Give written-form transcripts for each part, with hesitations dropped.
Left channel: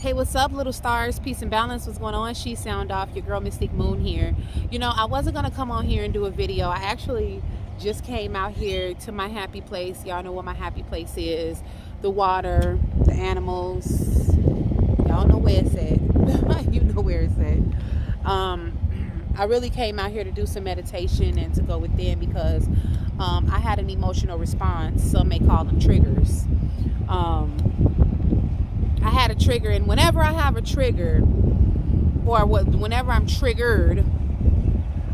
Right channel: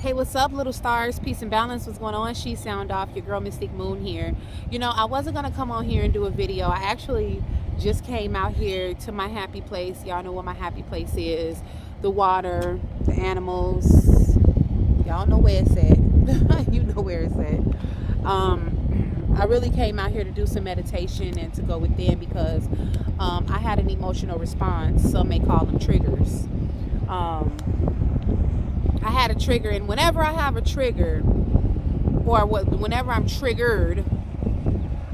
Hey, what's up, little stars? Peace and balance. What's going on? She Sound Off, your girl Mystique Moon here. You know, I wasn't gonna come on here and do a video. I actually just came out here to my happy place. Y'all know what my happy place is. The water, the animals. Y'all know where it's at. You know where it's at. I really came out here to do some meditation and to go within because I had an emotional response. Some may call them triggers. I had a trigger, and whenever I have a trigger, or whenever I'm triggered,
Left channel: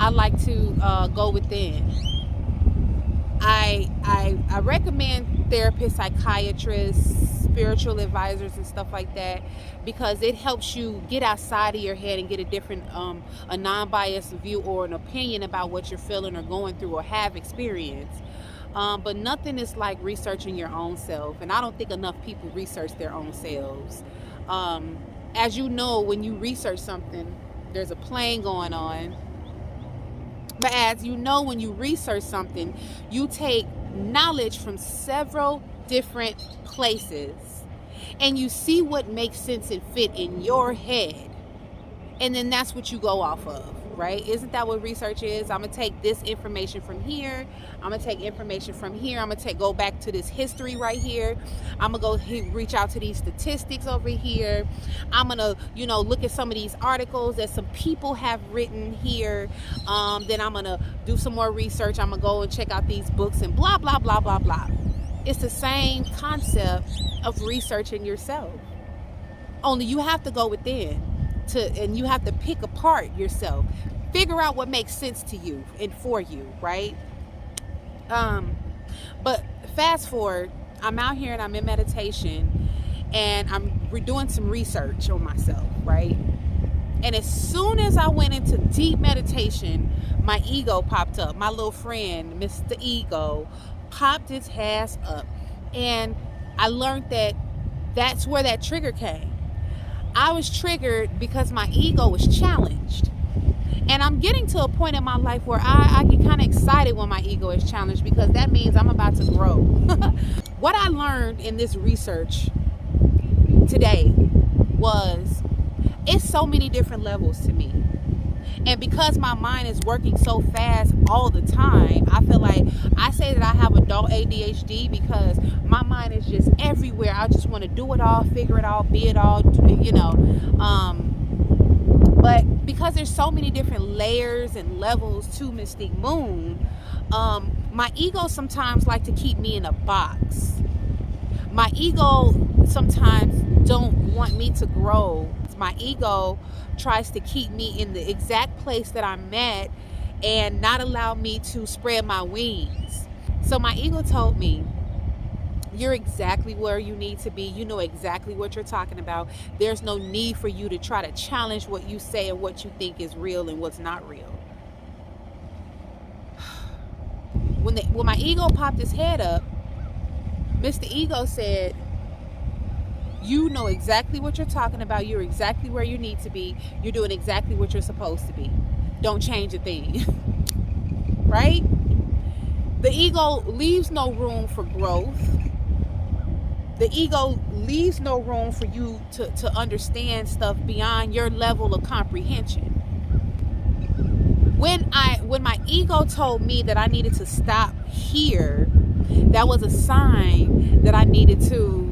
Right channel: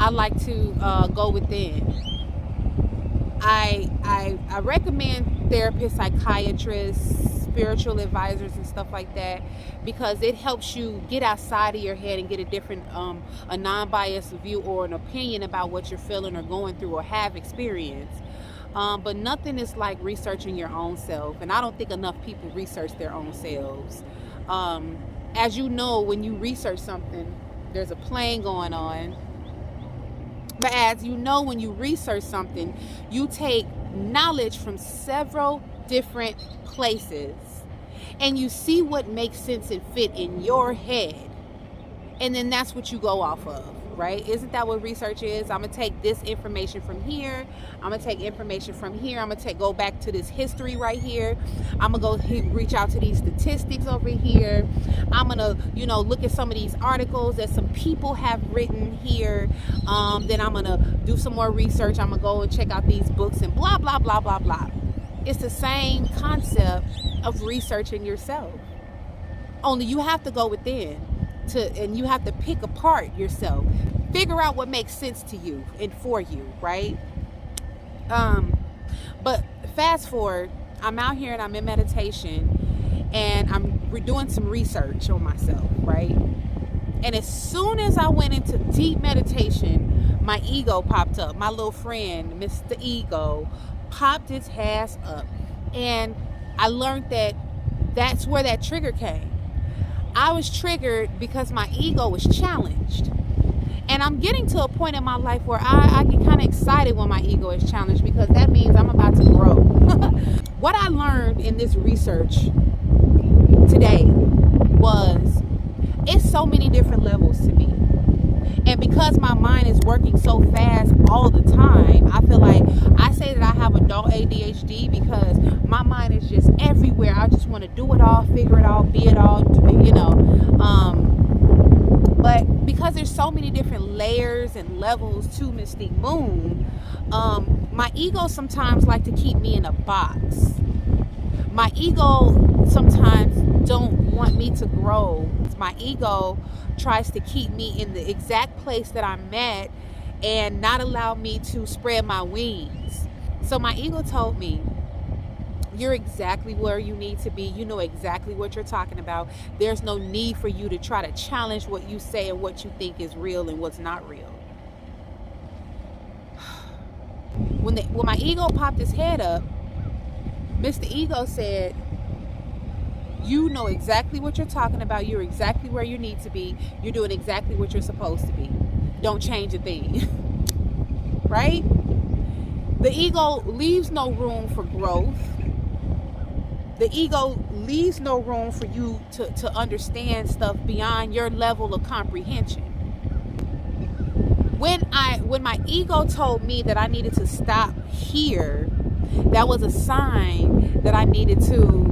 I like to go within. I recommend therapists, psychiatrists, spiritual advisors, and stuff like that because it helps you get outside of your head and get a different, a non-biased view or an opinion about what you're feeling or going through or have experienced. But nothing is like researching your own self, and I don't think enough people research their own selves. As you know, when you research something, there's a plane going on. But as you know, when you research something, you take knowledge from several different places, and you see what makes sense and fit in your head, and then that's what you go off of. Right? Isn't that what research is? I'm gonna take this information from here. I'm gonna take information from here. I'm gonna go back to this history right here. I'm gonna go reach out to these statistics over here. I'm gonna, look at some of these articles that some people have written here. Then I'm gonna do some more research. I'm gonna go and check out these books and blah, blah, blah, blah, blah. It's the same concept of researching yourself. Only you have to go within. And you have to pick apart yourself, figure out what makes sense to you and for you, right? But fast forward, I'm out here and I'm in meditation and we're doing some research on myself, right? And as soon as I went into deep meditation, my ego popped up. My little friend, Mr. Ego, popped its ass up. And I learned that that's where that trigger came. I was triggered because my ego was challenged. And I'm getting to a point in my life where I get kind of excited when my ego is challenged because that means I'm about to grow. What I learned in this research today was it's so many different levels to me. And because my mind is working so fast all the time, I feel like I say that I have adult ADHD because my mind is just everywhere. I just want to do it all, figure it all, be it all, But because there's so many different layers and levels to Mystique Moon, my ego sometimes like to keep me in a box. My ego sometimes don't want me to grow. My ego tries to keep me in the exact place that I'm at and not allow me to spread my wings. So my ego told me, you're exactly where you need to be. You know exactly what you're talking about. There's no need for you to try to challenge what you say and what you think is real and what's not real. When my ego popped his head up, Mr. Ego said, you know exactly what you're talking about. You're exactly where you need to be. You're doing exactly what you're supposed to be. Don't change a thing. Right? The ego leaves no room for growth. The ego leaves no room for you to understand stuff beyond your level of comprehension. When my ego told me that I needed to stop here, that was a sign that I needed to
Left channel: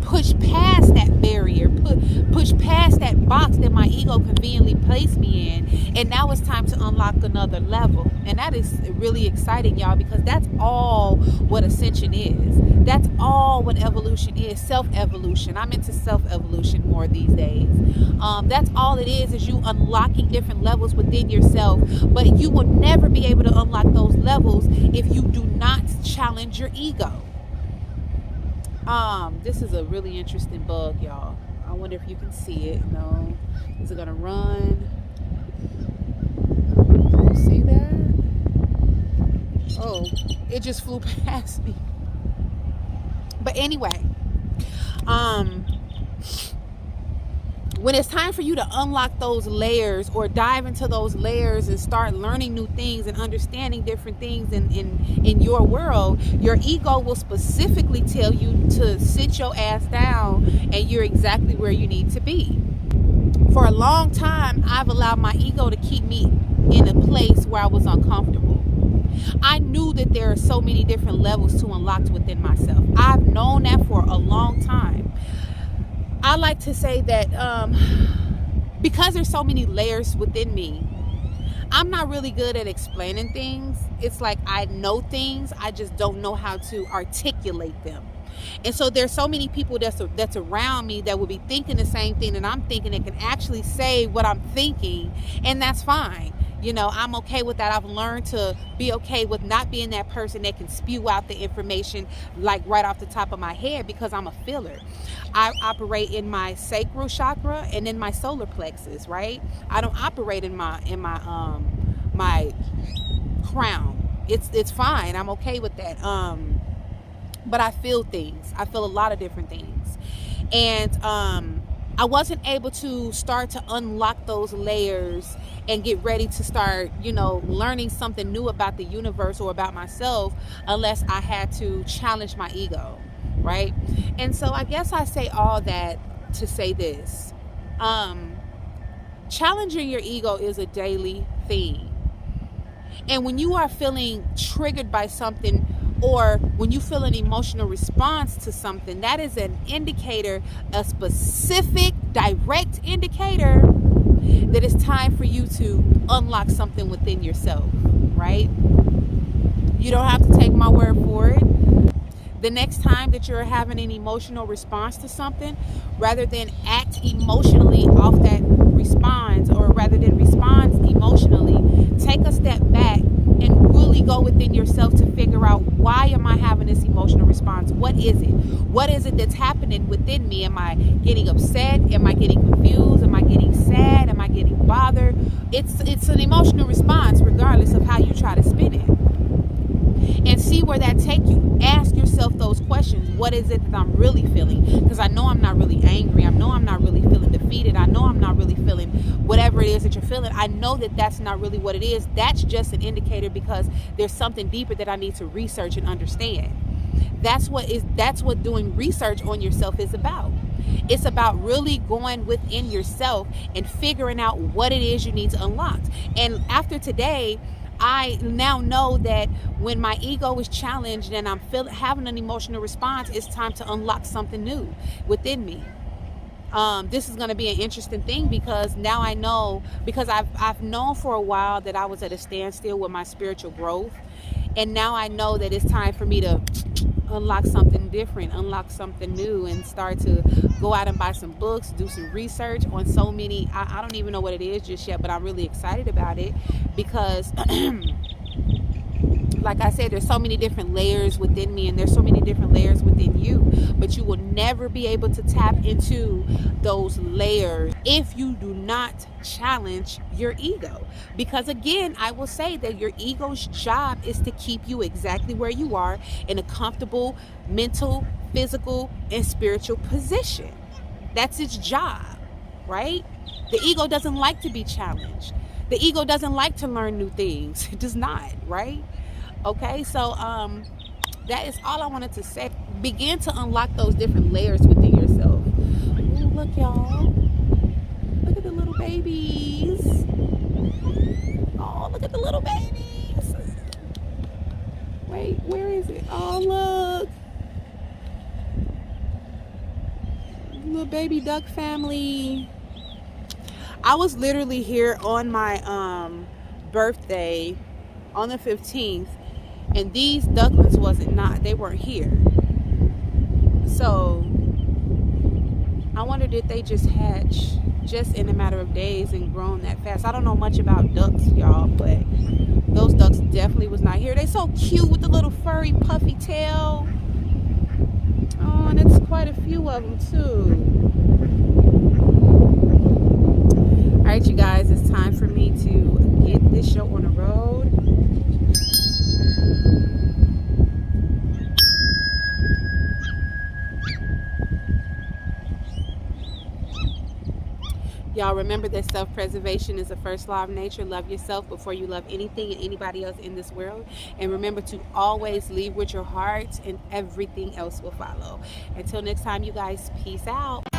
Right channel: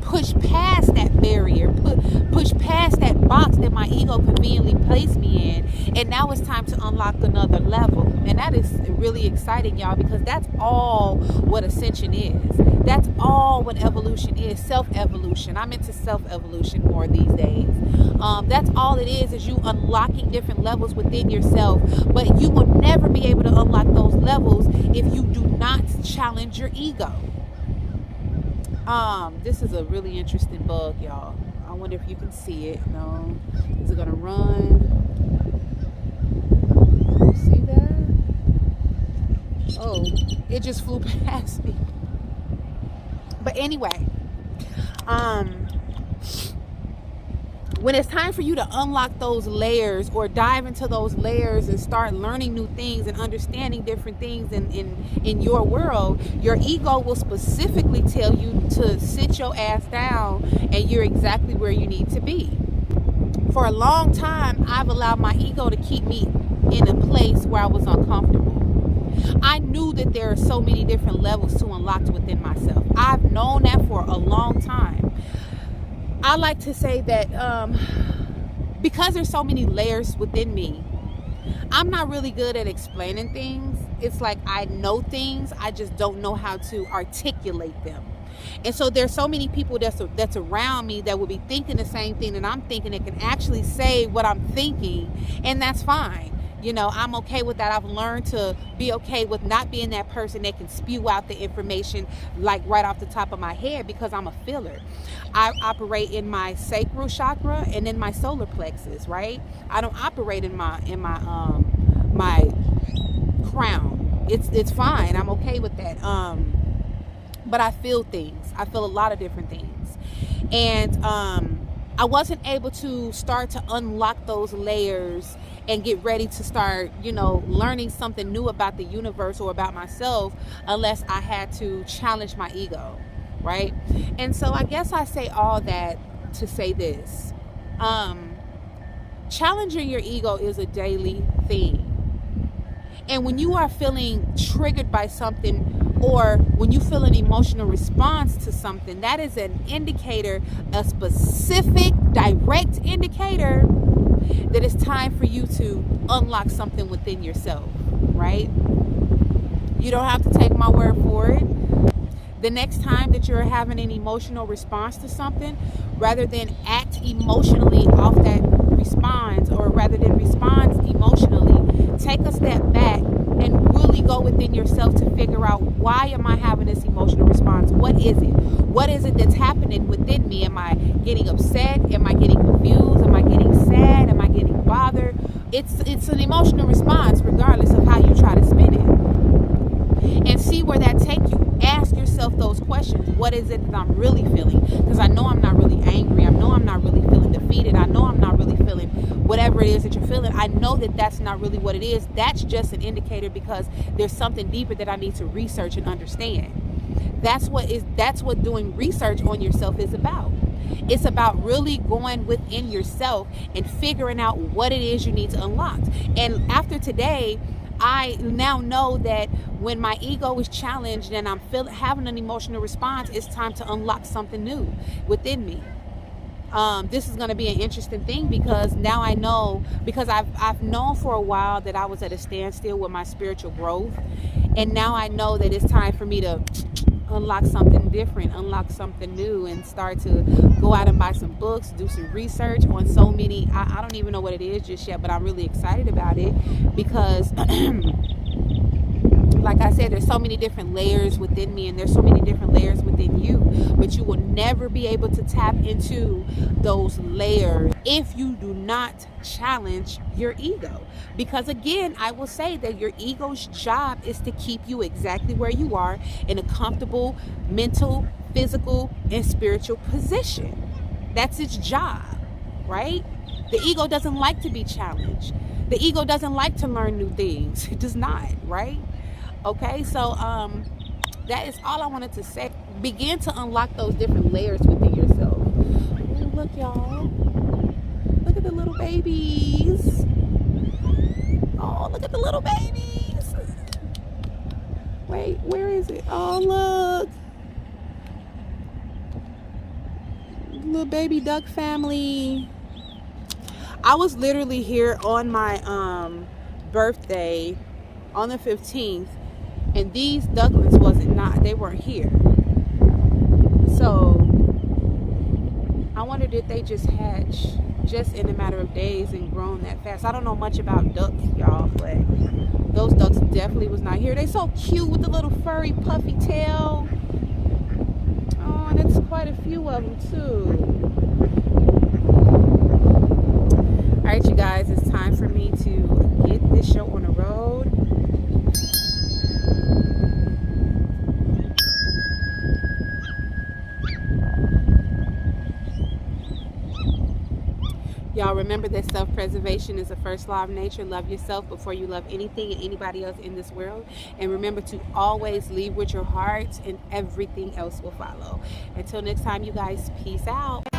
push past that barrier, push past that box that my ego conveniently placed me in, and now it's time to unlock another level. And that is really exciting, y'all, because that's all what ascension is. That's all what evolution is, self-evolution. I'm into self-evolution more these days. That's all it is you unlocking different levels within yourself, but you will never be able to unlock those levels if you do not challenge your ego. This is a really interesting bug, y'all. I wonder if you can see it. No. Is it gonna run? See that? Oh, it just flew past me. But anyway, when it's time for you to unlock those layers or dive into those layers and start learning new things and understanding different things in your world, your ego will specifically tell you to sit your ass down and you're exactly where you need to be. For a long time, I've allowed my ego to keep me in a place where I was uncomfortable. I knew that there are so many different levels to unlock within myself. I've known that for a long time. I like to say that because there's so many layers within me, I'm not really good at explaining things. It's like I know things, I just don't know how to articulate them. And so there's so many people that's around me that will be thinking the same thing that I'm thinking, that can actually say what I'm thinking, and that's fine. You know, I'm okay with that. I've learned to be okay with not being that person that can spew out the information like right off the top of my head, because I'm a filler. I operate in my sacral chakra and in my solar plexus, right? I don't operate in my my crown. It's fine. I'm okay with that. But I feel things. I feel a lot of different things. And I wasn't able to start to unlock those layers and get ready to start, you know, learning something new about the universe or about myself unless I had to challenge my ego, right? And so I guess I say all that to say this. Challenging your ego is a daily thing. And when you are feeling triggered by something, or when you feel an emotional response to something, that is an indicator, a specific, direct indicator that it's time for you to unlock something within yourself, right? You don't have to take my word for it. The next time that you're having an emotional response to something, rather than act emotionally off that response, or rather than respond emotionally, take a step back and really go within yourself to figure out, why am I having this emotional response? What is it? What is it that's happening within me? Am I getting upset? Am I getting confused? Am I getting sad? Am I getting bothered? It's an emotional response regardless of how you try to spin it. And see where that takes you. Ask yourself those questions. What is it that I'm really feeling? Because I know I'm not really angry. I know I'm not really feeling defeated. I know I'm not really feeling whatever it is that you're feeling. I know that that's not really what it is. That's just an indicator, because there's something deeper that I need to research and understand. That's what doing research on yourself is about. It's about really going within yourself and figuring out what it is you need to unlock. And after today, I now know that when my ego is challenged and I'm having an emotional response, it's time to unlock something new within me. This is going to be an interesting thing, because now I know, because I've known for a while that I was at a standstill with my spiritual growth, and now I know that it's time for me to unlock something different, unlock something new, and start to go out and buy some books, do some research on so many, I don't even know what it is just yet, but I'm really excited about it, because like I said, there's so many different layers within me, and there's so many different layers within you, but you will never be able to tap into those layers if you do not challenge your ego. Because again, I will say that your ego's job is to keep you exactly where you are, in a comfortable mental, physical, and spiritual position. That's its job, right? The ego doesn't like to be challenged. The ego doesn't like to learn new things. It does not, right? Okay, so that is all I wanted to say. Begin to unlock those different layers within yourself. Ooh, look, y'all. Look at the little babies. Oh, look at the little babies. Wait, where is it? Oh, look. Little baby duck family. I was literally here on my birthday on the 15th, and these ducklings they weren't here. So I wonder, did they just hatch just in a matter of days and grown that fast? I don't know much about ducks, y'all, but those ducks definitely was not here. They're so cute with the little furry puffy tail. Oh, and it's quite a few of them too. All right, you guys, it's time for me to get this show on the road. Y'all remember that self-preservation is the first law of nature. Love yourself before you love anything and anybody else in this world. And remember to always lead with your heart, and everything else will follow. Until next time, you guys, peace out.